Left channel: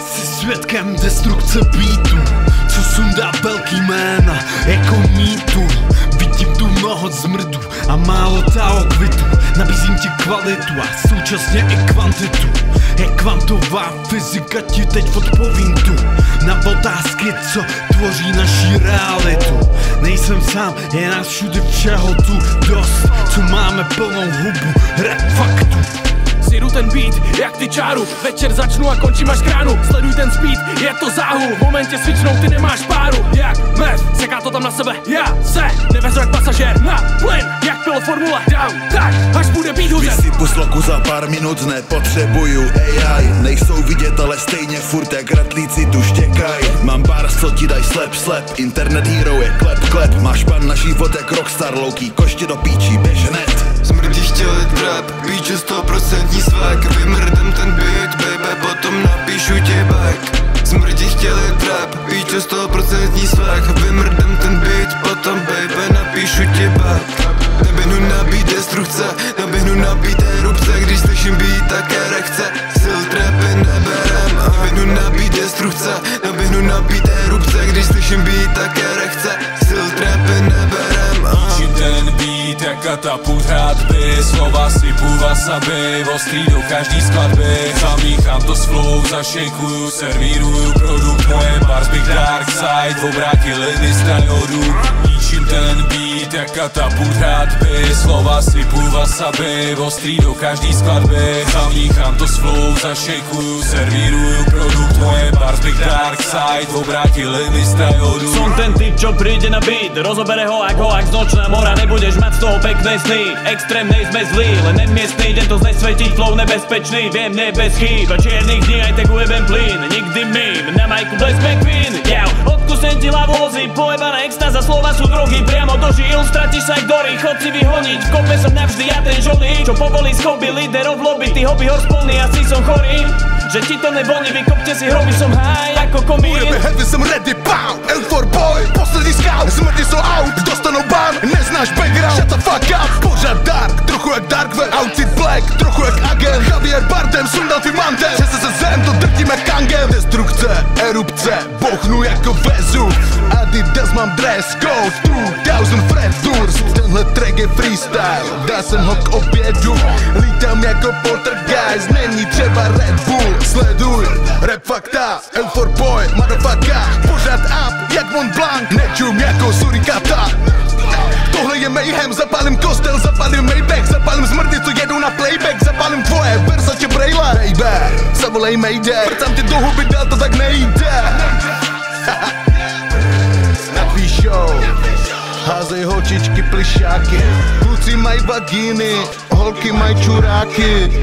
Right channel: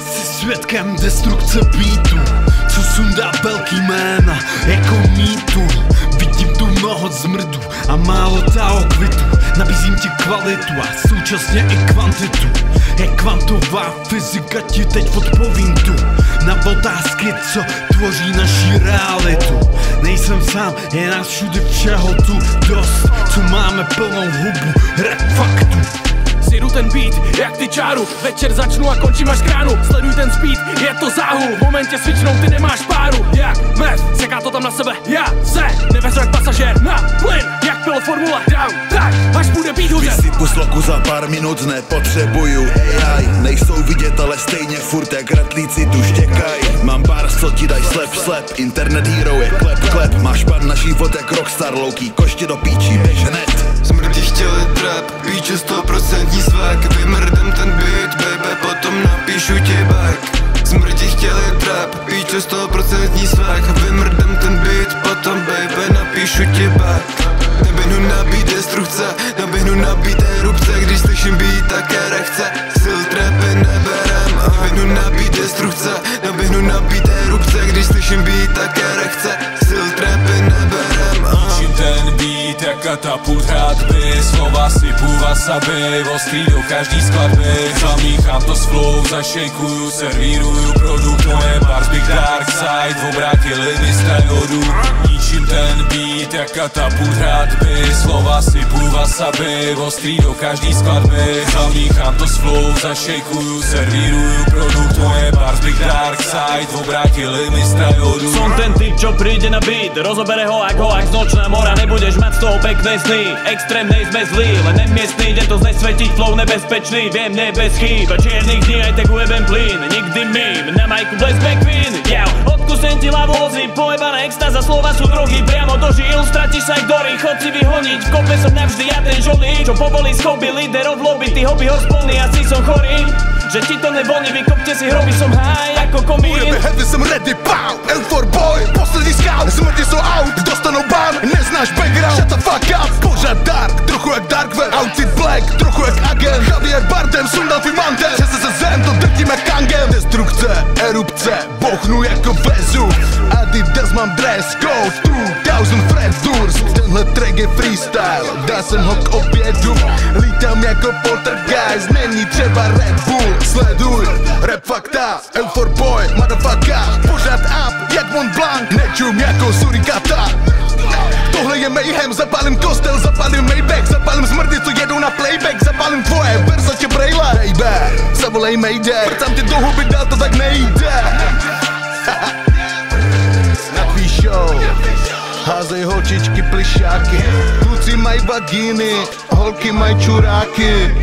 Jsi svědkem destrukce beatu, co sundá velký jména jako mýtu. Vidím tu mnoho zmrdu a málo taokvitu. Nabízím ti kvalitu a současně i kvantitu. Jak kvantová fyzika ti teď odpovím tu na otázky, co tvoří naší realitu. Nejsem sám, je nás všude všeho tu dost, co máme plnou hubu rap faktů. Sjedu ten beat, jak ty čáru, večer začnu a končím až k ránu. Sleduj ten speed, je to záhul, v momentě switchnou ty nemáš páru. Jak meth, seká to tam na sebe, já se nevezu jak pasažér na plyn. Jak pil formule, down, tak, až bude beat huzet. Vysypu sloku za pár minut, nepotřebuju AI. Nejsou vidět, ale stejně furt jak ratlíci tu štěkaj. Mám bars, co ti daj slep, internet hero je klep. Máš pan na život jak rockstar, louký, koště do píčí, běž hned. Smrdi chtěli trap, píču 100% svek. Vymrdem ten beat, baby, potom napíšu ti back. Smrdi chtěli trap, píču 100% svek. Vymrdem ten beat, potom baby, napíšu ti back. Neběhnu na beat destrukce, neběhnu na beat erupce. Když slyším beat, tak erekce, sil trapy neberem. Neběhnu na beat destrukce, neběhnu na beat erupce. Když slyším beat, tak erekce, sil trapy neberem. Ničím ten beat jak katapult hradby, slova sypu wasabi, ostrý do každý skladby. Zamíchám to s flow, zašejkuju, servíruju produkt, moje bars big dark side, obrátili mi strajodu. Ničím ten beat jak katapult hradby, slova sypu wasabi, ostrý do každý skladby. Zamíchám to s flow, zašejkuju, servíruju produkt, moje bars big dark side, obrátili mi strajodu. Som ten typ, čo príde na beat, rozobere ho ak z nočná mora. Nebudeš mať z toho pekné sny, extrémnej sme zlí, len nemiestný, idem to znesvetiť, flow nebezpečný. Viem, ne bez chýb, a čiernych dní aj tak ujebem plyn. Nikdy mím, na majku Bless McQueen. Odkusem ti hlavu lozy, pojebaná extáza, slova sú drogy, priamo do žil, stratíš sa jak dory, chod si vyhoniť. V kope som navždy ja ten žolí, čo povolí z hobby líderov v lobby. Ty hobby horspolný, asi som chorý, že ti to nevoní, vykopte si hroby, som high ako komín. Ujebe heavy, jsem ready, pow, L4 boy, poslední scout. Smrti jsou out, dostanou ban, neznáš background, shut the fuck up. Pořád dark, trochu jak Darkwell, outfit black, trochu jak agent. Javier Bardem, sundal tvým mantem, přes se zem, to drtíme kangem. Destrukce, erupce, bochnu jako Vezuv. Adidas mám dress code, 2000 Fred Durst. Tenhle track je freestyle, dá jsem ho k obědu. Lítám jako poltergeist, není třeba Red Bull. Sleduj, rap fakta, L4 boy, motherfucker. Pořád up, jak Mont Blanc, nečum jako surikata. Tohle je mayhem, zapálím kostel, zapálím Maybach, zapálím smrdy, co jedou na playback, zapálím tvoje Versace brejle. Baby, zavolej Mayday, vrcám ti do huby, dál to tak nejde. Na tvý show házej holčičky plišáky, kluci mají vagíny, holky mají čuráky.